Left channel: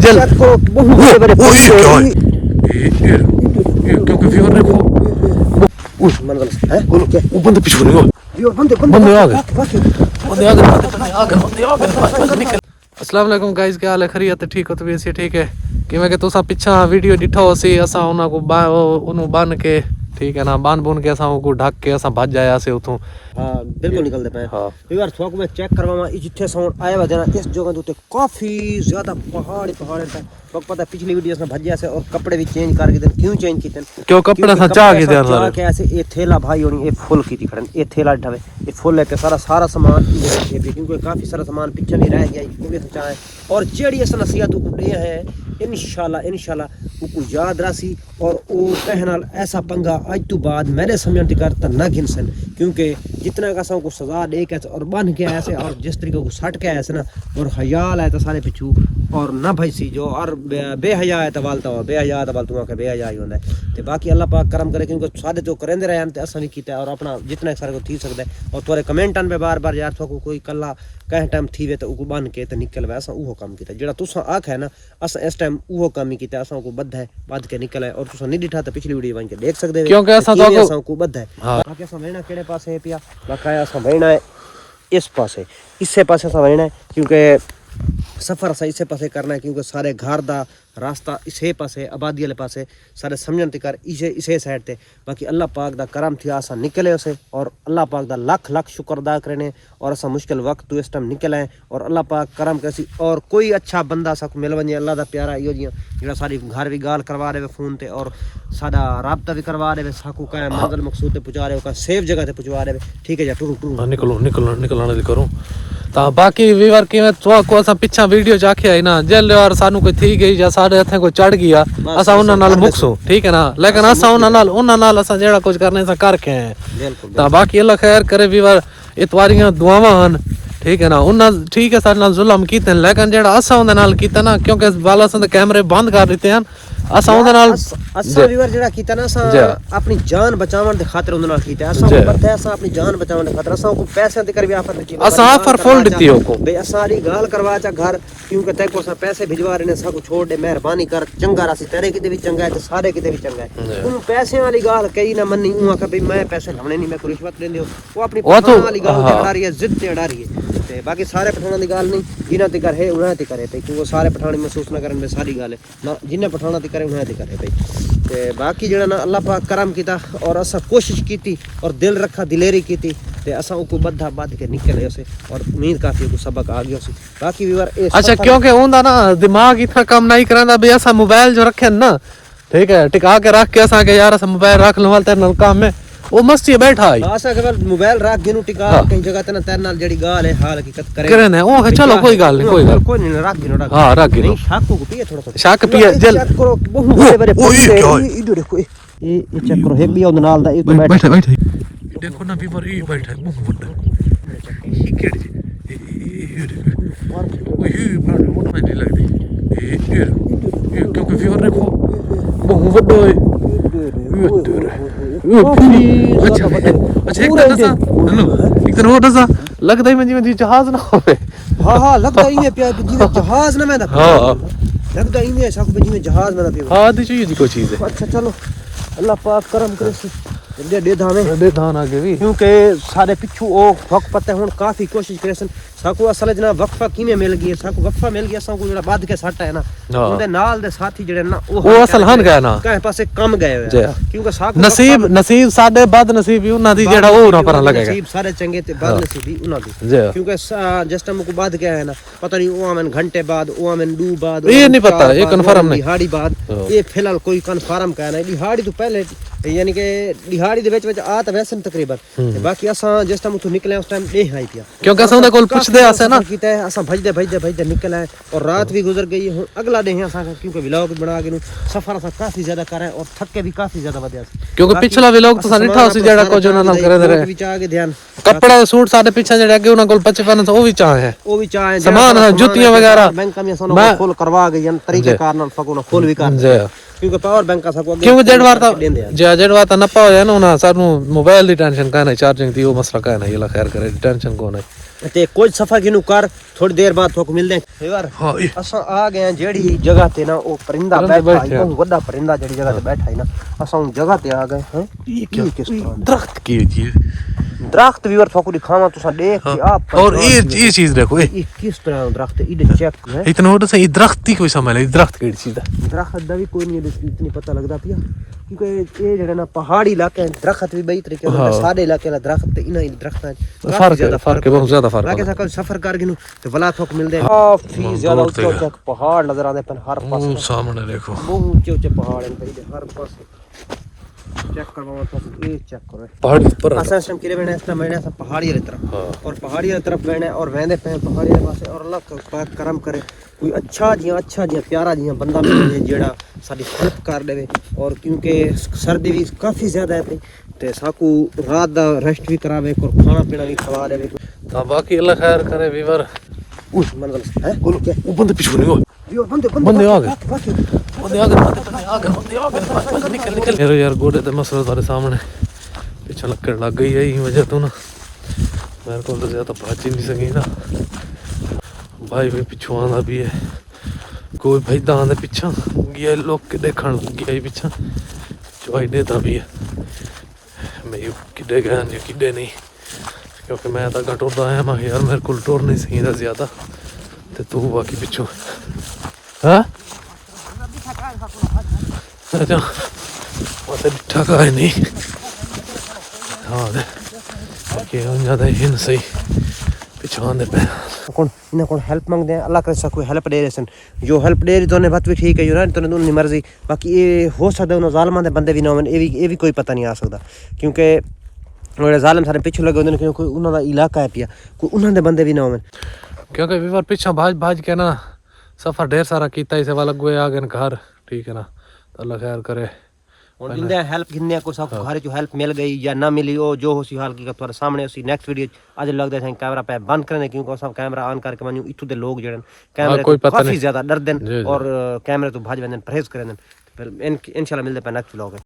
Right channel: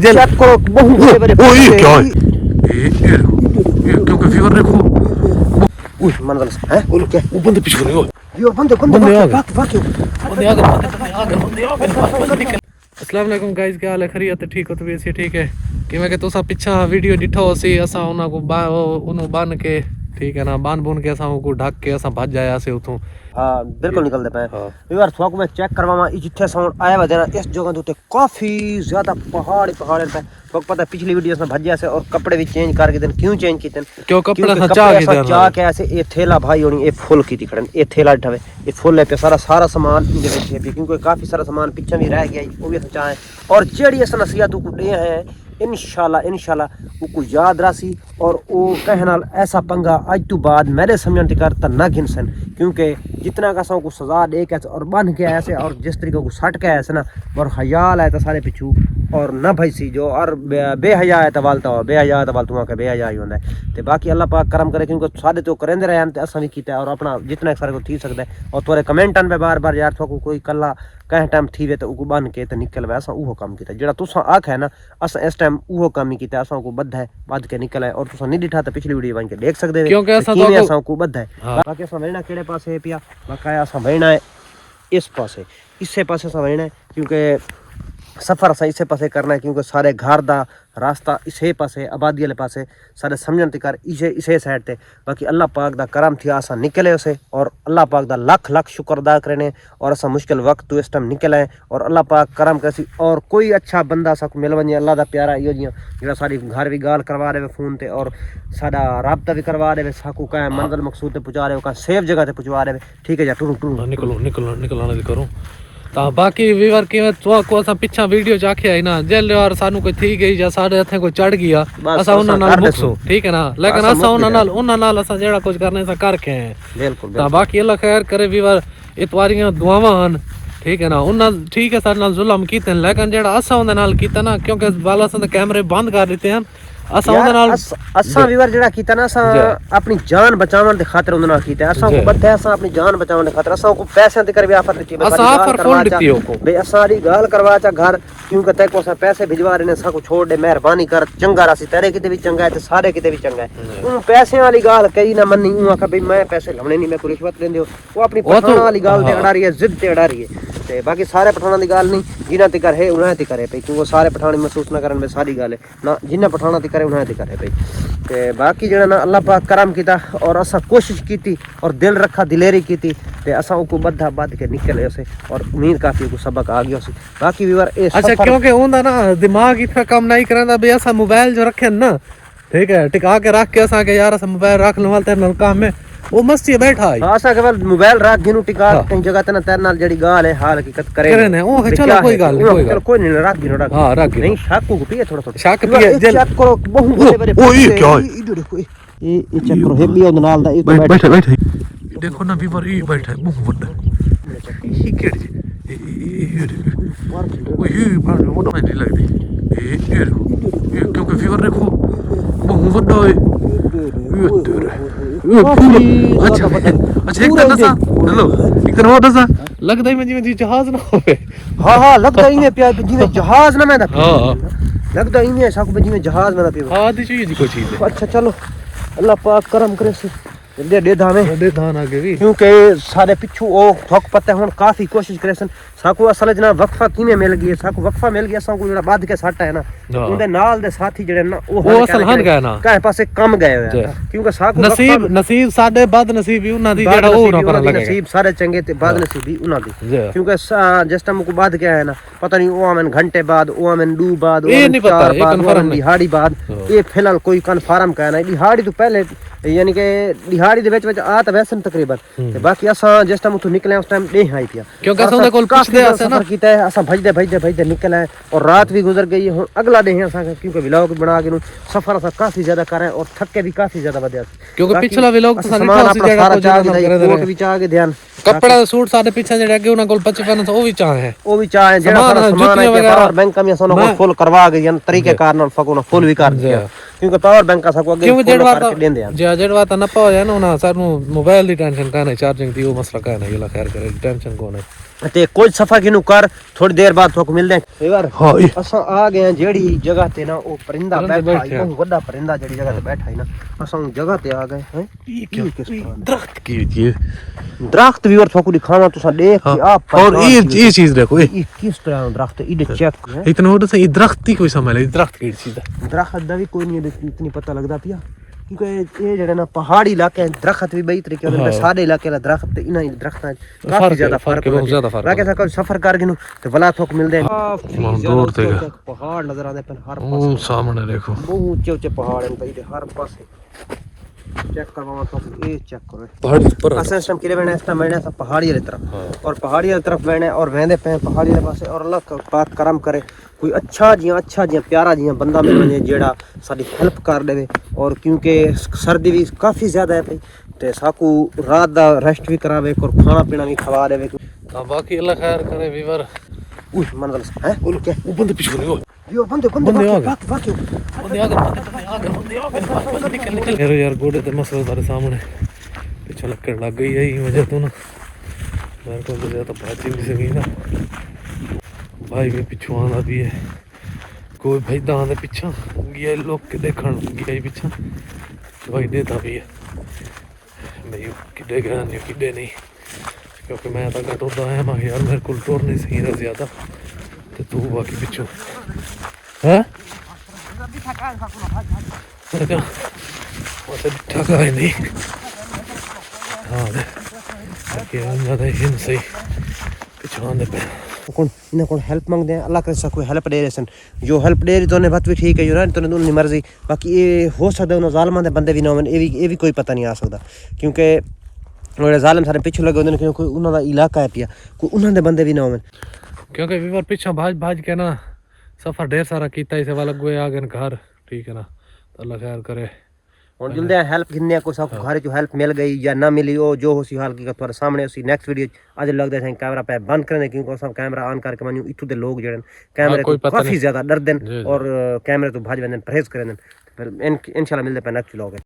जल करो बहुत ओ ये क्या है ये क्यों फीवर देखो उस मंगल है बोलो क्या वो बंदे पीछे रहे हो ये बंदे बंदे आ गए बंदे अस्सलाम वालेकुम गाइस क्या हाल है खैरियत ठीक हो तबीयत से ठीक है कि मैं तुसा पिछा वीडियो डिठो सी असा उना को उनु बन के ठीक है ना बांध बुन के असा को ढक के असा भज जाया से उथों हां बिल्कुल निकल दे पे हां यार थोक में चेक करवावा जिथे साउंड आया वदे इस जगह तो काफी ज्यादा पहाड़ पे तो पता पिछली वीडियोस में भज्या से और कपड़े भी चेंज करके देन क्यों चेंज कीते क्यों कपड़े सचा के देन जा के ऐसे ये थैला भाई होनी ये फुल की दिखड़न ये थैला ढवे ये फुल है पे सारा सामान इधर रखे पे क्योंकि काफी सारा सामान पीछे नहीं रह गया वो भी सचा है और जेडी अस नसीहत को दे है इंशाल्लाह को याद रासी और वो कहनाल ऐसा पंगा आज तो बाद मेरे समझन तिकर त ना गिनसन क्योंकि जितना का को सजा दे के और बन के ऐसे और जिस तरीके को सट के ऐसे ना और हयाल है तो सारे पिछू और ना भाई सी जो और बेहया है तो वालता और बेहया है तो वाल तुआ के बेहया ही होंदा है ते बाकी अल्लाह पाक करम करे क्योंकि सारे तो करेंदे रहे हैं ते असा भी कीता और अपना जितना सारे को थी सकदा है और तोरे कमेंटन पे बार यार थको कोई कल्ला कह टाइम थी वे तो उको बन के तो निकल वे असा उहो काम कीता जेड़ा तुसा आख है ना असा इस टाइम उहो काम ही कीता असा को बद्ध है बद के निकल है और तुसा नहीं दिठा तो पिछली वीडियो बन के देख सकदे क्योंकि असा को बद्ध है बाकी असा वेना केड़े पासे पिया बकाया असा वेना है इस पासे इससे पासे असा वेना है क्योंकि सफर असा इसे पासे करना है क्योंकि सारे घर दा रास्ता इसे पासे आबादी वाले पासे सारे समझन तिकर इसे साइड ते बाकी अल्लाह पाक दा करम थी असा निकले उसे और अल्लाह पाक दा लाख शुक्र अदा करने और असा मुश्किल वक्त तो इस टाइम निकले और अल्लाह पाक करम कैसी और कोई अच्छा बंदा सा मिल वने अल्लाह दा प्यारा इयो जियां जेड़ा सारी घर भी गाल करवा रहे फोन ते और साडा राबता भी करवा रहे साकू का मंजिल मकसूद ते पहुंचा रहे का सेफ जगह ते पहुंचा रहे ठीक है जा टू निकलना दी करो ता बाकी वीवर की मैं तो को असा पिछा वीडियो जाके आई ना जल और सानू कोई थी गई या साडे हथे को चढ़ गया असा उना नाल मुक्सो ठीक है ना लेकिन असा उना नाल असा जेड़ा कुछ करने से करके हैं बिल्कुल ता बाकी अल्लाह खैर करे वीवर इतवारियां दुआवां हन ठीक है ना उन्ना ठीक है साडे नाल जुल्म कीते लेकिन जेड़ा असा उनदे नाल कीता ना क्योंकि वाला सा कैमरे बंद कर दिते हैं असा उनदे नाल असा वीवर जेड़ा कीता ना असा अपनी जान बचावन दे खातिर उनदे नाल कीता असा को पता है असा अपनी जान बचावन दे खातिर असा को पैसे दे कर भी ऑफर दिती असा ऑफर फुल दिती को बे असा दी गाल करवा चा घर क्योंकि ते को असा पैसे भिजवा रहे ने सा को छोड़ दे मेहरबानी कर चंगा रासी तेरे किते भी चंगा है ते सारे किते भी चंगा है उन पैसे वाली गाल कई ना मन्नी ऊ आखा भाई मैं पैसे लवणे नहीं मैं को रिश्वत लेंदे हो वो अपनी पठान वाली गाल ते अड़ा रही है जिद ते अड़ा रही है ते बाकी सारे पठाना दी गाल नहीं जिना ते कर है उन्हें ते करे पे क्योंकि सारे पठानी महसूस ना करन में सारी गाल है ना जिन्ना पठाना ते करे उन्हें ते करे पे ते बाकी जेड़ा ना अल्लाह पाक करम कीता और असा कोशिश कीती और दिल रखा दिलेरी कीती ते असा को बद्धा बद के निकले उसे और उम्मीद काफी को सबक आ गया उसे बाकी व्यूअर अच्छा क्योंकि उनदा ना दिमाग इतना काम नहीं करंदा बे असा मोबाइल जो रखे ना ठीक है टिका के रख के असा के यार असा मोबाइल रख लो तेरे नाल काम में वो मस्ती बैठा है आसा केवल मोबाइल रख गिनु टिका कई जगह ते ना तेरे नाल जड़ी गाल है हाल हकीकत करे ने ओ चलो कोई गाल कोई नहीं रख गिनु रख हां रख नहीं शाक को पिए थोड़ा शाक पिए जल चेक करो बहुत बड़े ओ ये क्या है इधर देखो ये चेक करो हेबी उन नाल दा बैठ देखो ना बीवर ये बैठा है मुंह बंद ये केड़ी ये वो नहीं लगदी ये क्योंकि फीवर देखो मुंह बड्डो है अच्छा एक तरह सा हेलो एक तरह होता सा लगता ही मैं जी जहाज ना होवे हां लगता ही है प्यार जी जहाज ना मैं हां लगता ही है साकू जी में जहाज ना पियो हां दी चीज कोई चीज है अच्छा चलो अल्लाह पाक करम करे दे धान आगे भी क्योंकि सारे पिछू ओ थक पता हुन काफी कोशिश करे सन साकू असल जना वक्फा किने मिल गई साकू वक्फा मिल गया साकू जेड़ा बाद के सट है ना उनदे नाल दे साथी जेड़े ना ओ असल हन गए ना काहे पासे कम गए हुए क्योंकि साकू नसीब साडे बाद नसीब ही उना दी जेड़ा ओ ना पर लगेगा नसीब सारे चंगे ते बाद नसीब ही उना दी क्योंकि जिस टाइम को बाद के है ना पता नहीं ओ आमन घंटे बाद ओ आमन दू बाद ये नहीं पता ये कंफर्म नहीं दिहाड़ी बाद ये फिलहाल कोई कंफर्म कहना है दिहाड़ी तो पहले यानी कि दिहाड़ी दे विच आ त वैसे तकरीबन ते बाकी असा जिस टाइम तो निकले उस टाइम दे आई पिया क्योंकि असा दे कोल पुछदे आसे ना कीता है असा भजदे निकले और रात भी गुजर गई है अगला डे है असा क्योंकि व्लॉग बना के सफर असा काफी ज्यादा करे और थके भी काफी ज्यादा वदे क्योंकि पिछला व्लॉग तो सारा सी जेड़ा को जेड़ा करे कोट भी चाह के ध्यान कपड़े सूट साडे पीछे जेड़ा अगे उना कोल 55 वो भी चाह है वो भी चाह है जेड़ा जुतियां वगैरह बैंक में असा फुल करवा के जन तरीके कार नाल फको फुल भी कर क्योंकि पावर बैंक का सबको क्योंकि जेड़वार ता नपा होया ना ना सानू मोबाइल दी टेंशन का नहीं चार्जिंग दी वो मसला का नहीं अल्लाह खैर करे टेंशन को नहीं ते कोई सफा किनु कर थोड़ी देर बाद तो मिलते हैं यार। हाँ ये असा आ गए हैं जेड़ी जगह ते ना वो परिंदा परिंदा बैठा बैठे है, हैं। वो बड़ा परिंदा जेड़ी जगह ते बैठा है ना, असा उन जगह ते आ गए हैं। ये क्या किस तरह दरख्त की चीज। दरख्त भी और थोड़ी दिखाना तो सा देख हाँ, के आप और ये चीज देखो ये किस तरह दरख्त है, इधर चेक है। इतना होता सही दरख्त ही कोई समझ ले दरख्त की चीज है। दरख्त दा भी कोई नहीं इतनी पता लगदा पिया क्योंकि ये जेड़ा ना पहाड़ी इलाके हैं दरख्त भी बई तरीके होंदे, सारे इलाके ला दरख्त ते इना दरख्तां काफी ज्यादा फर्क बहुत ज्यादा फर्क है। सा सफर कर गिनु ते वला थोक मिलदे हैं काफी ज्यादा दूर ते ऊंचे पहाड़ नजर आंदे पन हर वो पासे, सामने देखो बहुत ऊंचे ऊंचे पहाड़ हैं भाई हर पासे। चेक करवाओ तो ये चेक करो पहाड़ी पर असा सिस्टम किरे बने इस मैंने सब पहाड़ी वाली तरफ और पहाड़ी वाली तरफ मैंने और वेंदे पे पहाड़ी वाले पासे और अल्लाह का पाक करम करे कोई अच्छा जी प्यारा जी बंदा मिल जाए जेड़ा साडी हेल्प कर देवे। और क्योंकि सर्दी भी काफी ज्यादा है ते साकू रात दा रेस्ट भी करावे और खाना पीना भी खवा देवे। हाँ बाकी अल्लाह खैर करे वीवर। उस मंजिल से है बोलो क्या वो बंदे पीछे नहीं हो यो बंदे बंदे आ गए बाकी बंदे आ गए निकल निकल यार गोडे ते मसला तारे सामने पीछे लकड़ लग गई है ये वजह तो ना मेरे को तो ज्यादा भाजी नहीं सकी ना भाई भी पिछू आना भी है कोई भाई दान दे पीछा गया लोग के देखण गया ही पीछा भाई देता भी है मैं किडे गया जो किडे नहीं क्योंकि मैं तो टुरदा आया मैं यार मेरे को टुर नहीं सही था ज्यादा ते तू बाकी पिछू हाँ अच्छा वैसे ठगा है नहीं हाँ बाकी ज्यादा ही नहीं सही पिछू आने पे कौन इन्हें कौन हेल्प मांगते हैं अल्लाह करे सा कोई हेल्प दे रहे सन जो हेल्प दे रही तो उन्हें बात भी ठीक है जो ना तो उन्हें मर्जी। बाकी ये हो सकता है उन्हें जालमां दे बंदे भी ना होवन ये भी कोई पता नहीं आ सकता क्योंकि उन्हें जालिम सारे पीछे लगे होंदे क्योंकि उन्हां दा इलाका है पिया कोई उन्हां दे बंदे भी ना होवन क्योंकि विवर पीछा भाज के ना सफर ढेर सारा कीता इसे वाला गोए आ गए घर ठीक है ना तो अल्लाह खैर करे और जिंदे हेल्प गिनने को सब घर जो हेल्प मिल गई या ना मिली ओ जो हो सी हाल की तुम्हारे सामने उसी नेक्स्ट वीडियो आज लगदे थे कैमरा पे बंद करने क्योंकि सब कैमरा ऑन करके मानू इथु दे लोग जड़न कैमरे तो काफी ज्यादा डर देन और कैमरे तो भाज वेंदन परहेज करें फिर इंशाल्लाह मिलदे पे नेक्स्ट व्लॉग।